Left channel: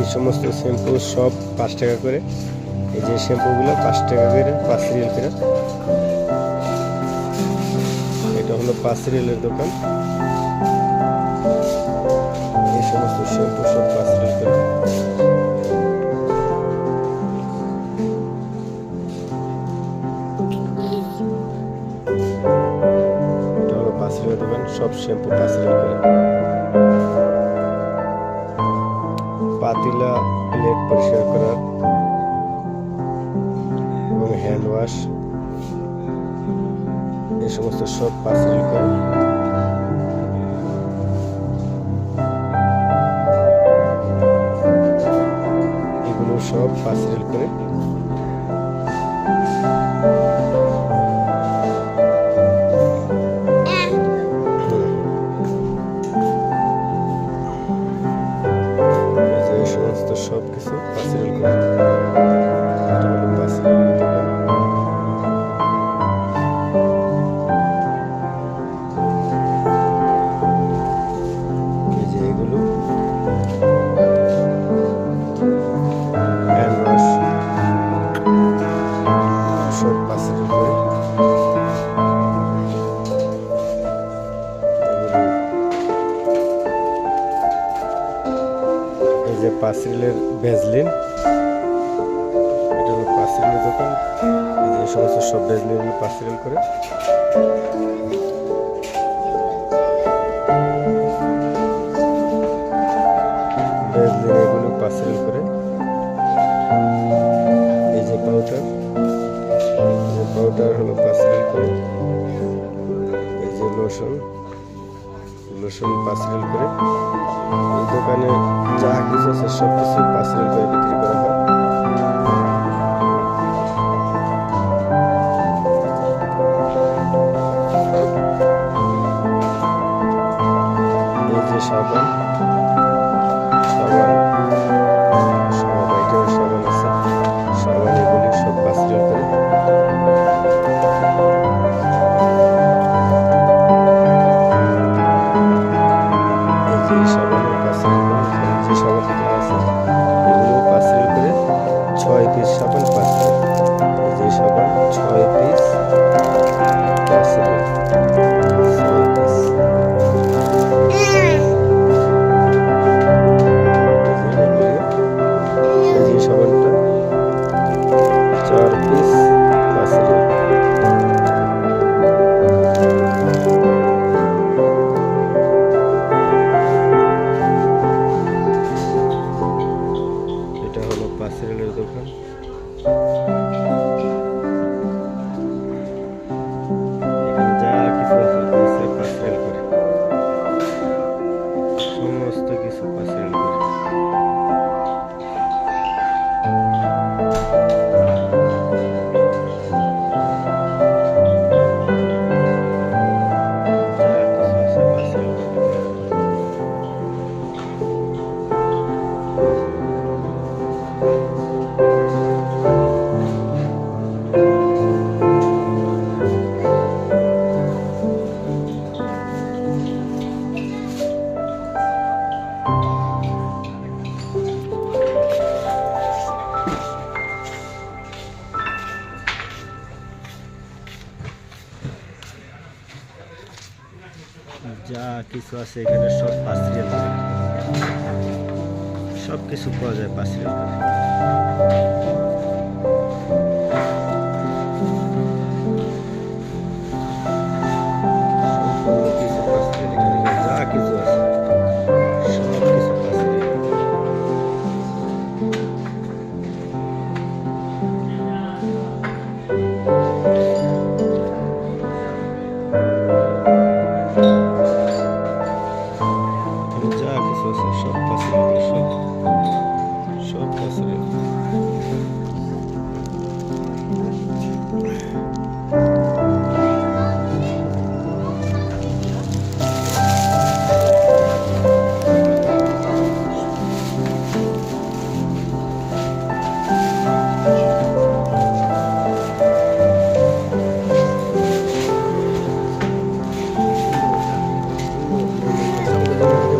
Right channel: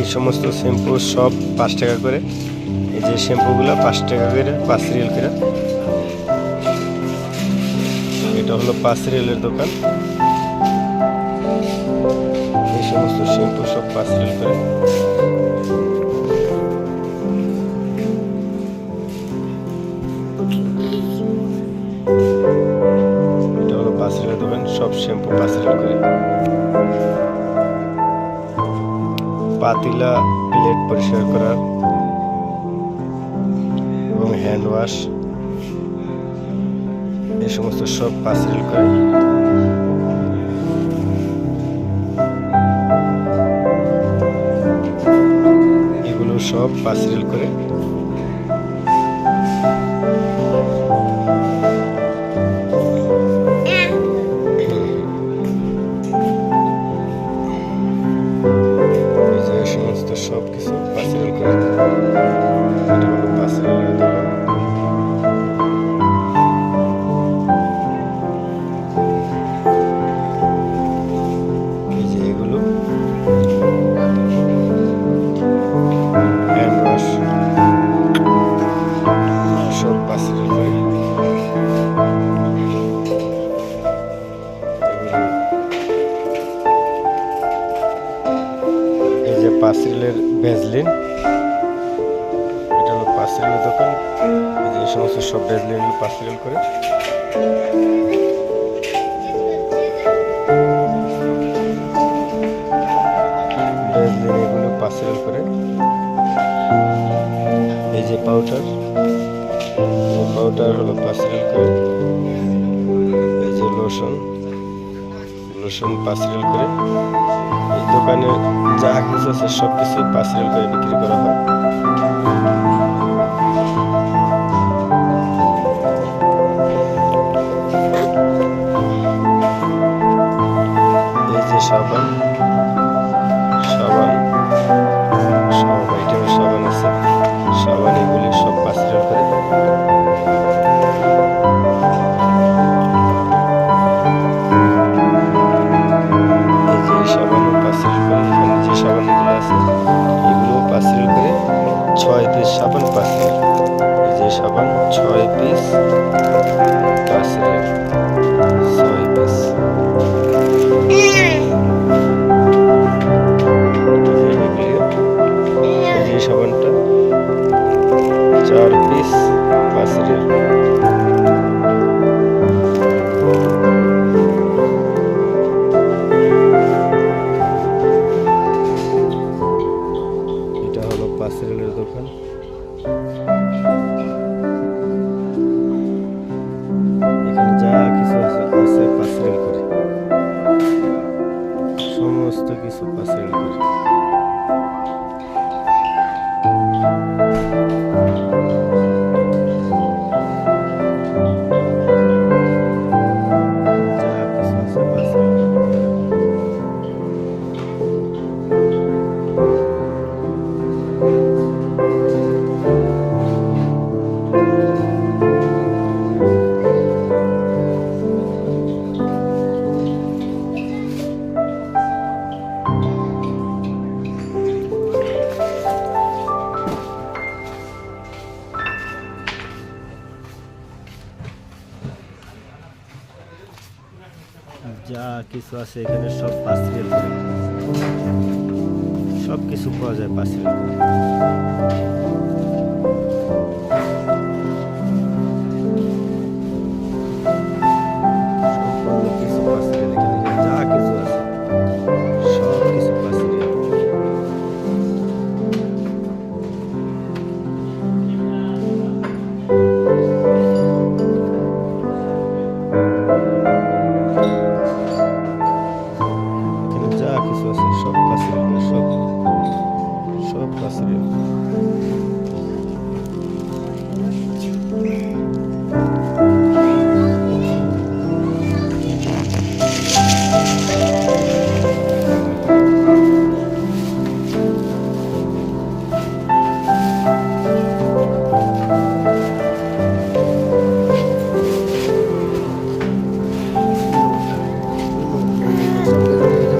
এই সমস্ত শ্যাম্পু সব 5 টাকা করে। এই যে শ্যাম্পুগুলো 5 টাকা করে, 5 রিয়েল করে। এটা হলো 5 রিয়েলের দোকান। এই সমস্ত শ্যাম্পু সব 5 রিয়েল করে। এটা হলো 5 রিয়েলের দোকান, সব শ্যাম্পু 5 রিয়েল করে। পাতিলা, প্লেট পরিষ্কার করার এবং হ্যান্ড ওয়াশ, এই সমস্ত সব 5 রিয়েল করে। এগুলো সব 5 রিয়েল করে। সমস্ত সব কিছু 5 রিয়েল করে। এটা হলো 5 রিয়েলের দোকান। এই যে এগুলো হ্যান্ড ওয়াশ, সব 5 রিয়েল করে। এই যে 5 রিয়েলের ভ্যাজলিন, এটা হলো 5 রিয়েলের দোকান। এই যে সমস্ত সব ভ্যাজলিন 5 রিয়েল করে। ভ্যাজলিন এগুলো 5 রিয়েল করে। এই যে পাউডার, পাউডার হলো 5 রিয়েল করে। এই যে লোশন, লোশন 5 রিয়েল করে। এই দোকানে যা কিছু আছে সব কিছু 5 রিয়েল করে বিক্রি করা হয়। এই যে সাবান, সাবান সব আইটেমের সাবান আছে। সাবান এগুলি সব 5 রিয়েল করে। সাবানও 5 রিয়েল করে। এখানে যে সাবানগুলো আছে এগুলোও 5 রিয়েল করে। 6 পিস সাবান 5 রিয়েল। এই যে সাবান 6 পিস 5 রিয়েল, 6 পিস। এই যে সাবানটা 4 পিস 5 রিয়েল। এটা হলো 5 রিয়েলের দোকান। এখানে যা কিছু আছে 5 রিয়েল করে। সমস্ত কিছু 5 রিয়েল করে। যা কিছু আছে এখানে সব 5 রিয়েল করে। সব কিছু পাওয়া যায় 5 রিয়েল করে। সম্পূর্ণ কিছু 5 রিয়েল। এখানে যা কিছু আছে সব কিছু 5 রিয়েল। যা কিছু আছে সব 5 রিয়েল করে। সব 5 রিয়েল।